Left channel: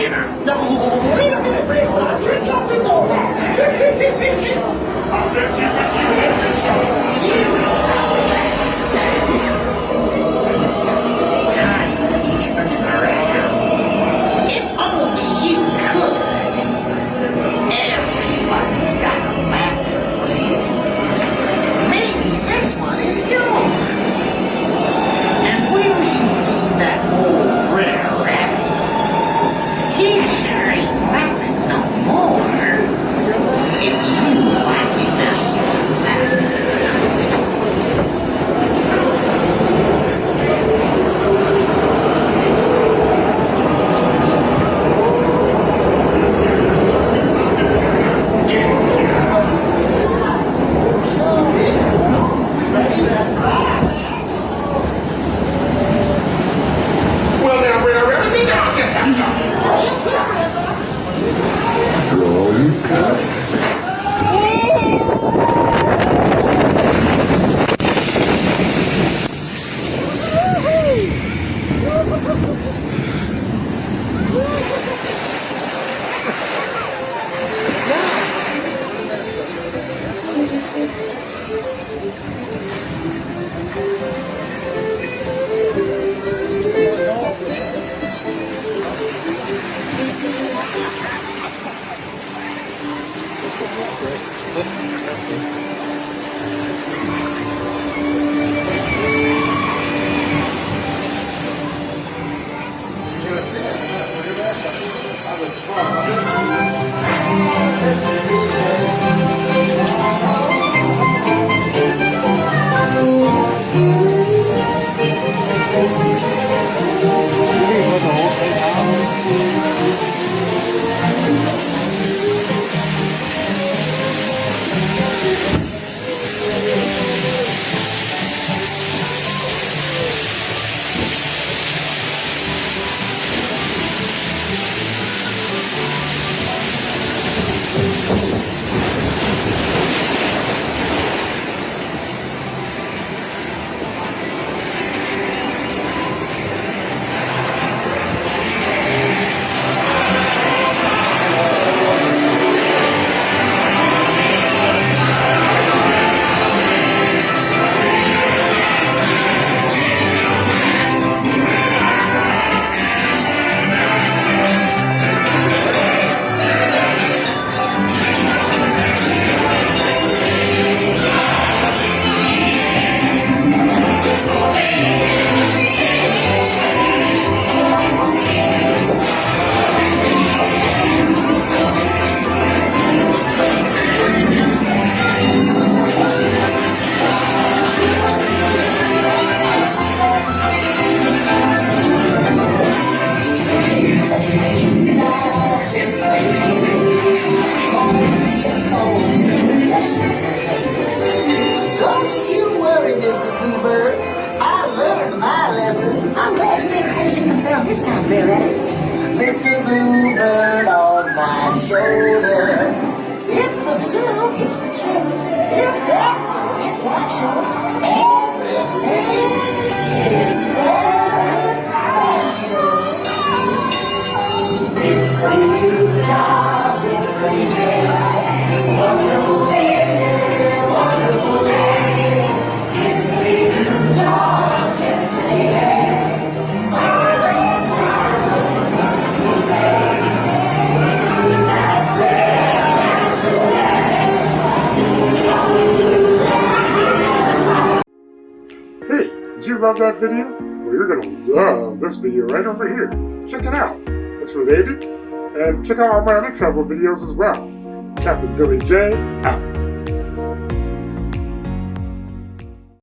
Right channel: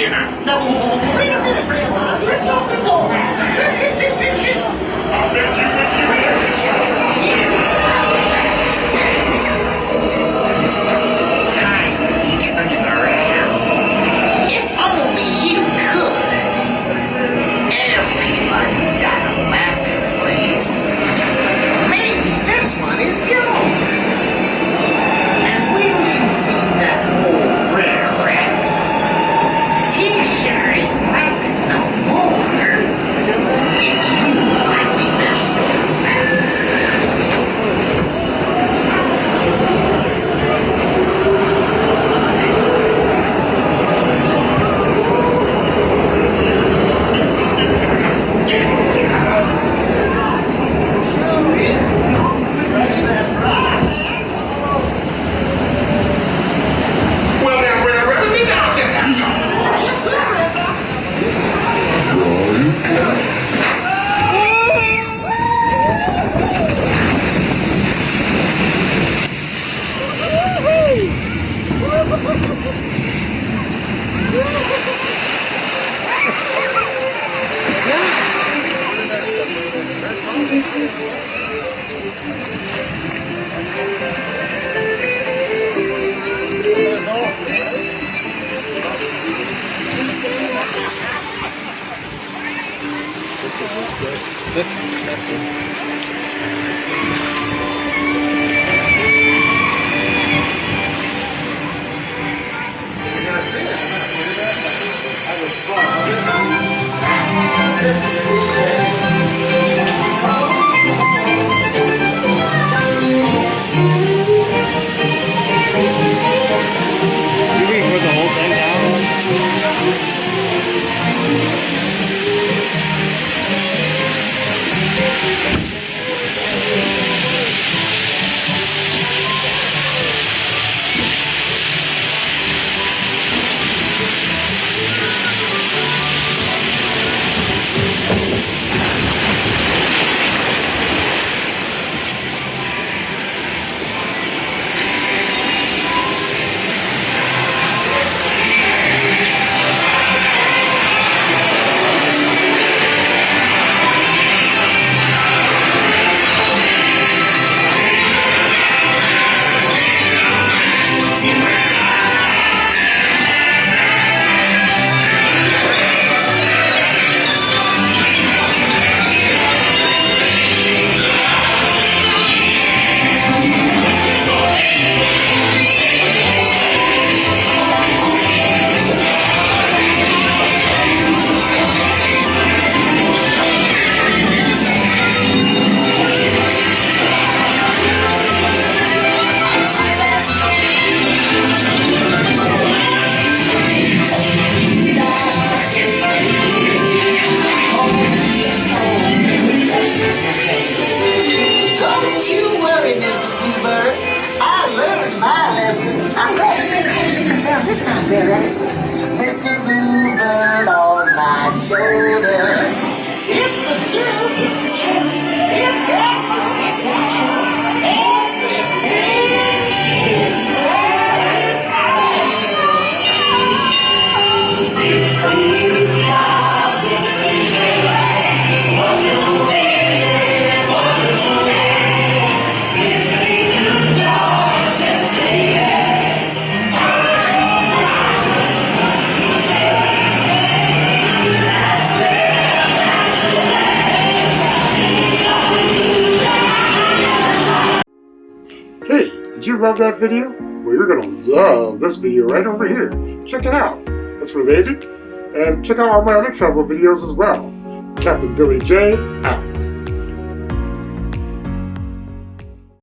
dinner. No, wait a minute, Grandpa. Let's talk this over. I'll bet you Time to eat your underwear. If only you could. Everybody's got a laughing place. Maybe this one is yours. And will you see that old rare rat? He sure ain't laughing no more. If you finally found that. Well, then we're ready now. Just have Don't you worry, Mr. Bluebird. I learned my lesson. I'm glad you didn't actually concern this time, Barry. Mr. Bluebird on my shoulder. It's the truth. It's the truth. It's actual. It's actual. Everything is so special. Hey, did you love that video? Well, you're gonna love this video right over here. Check it out. It's related. And check out all my other travel videos as well. Captain Billy J, out.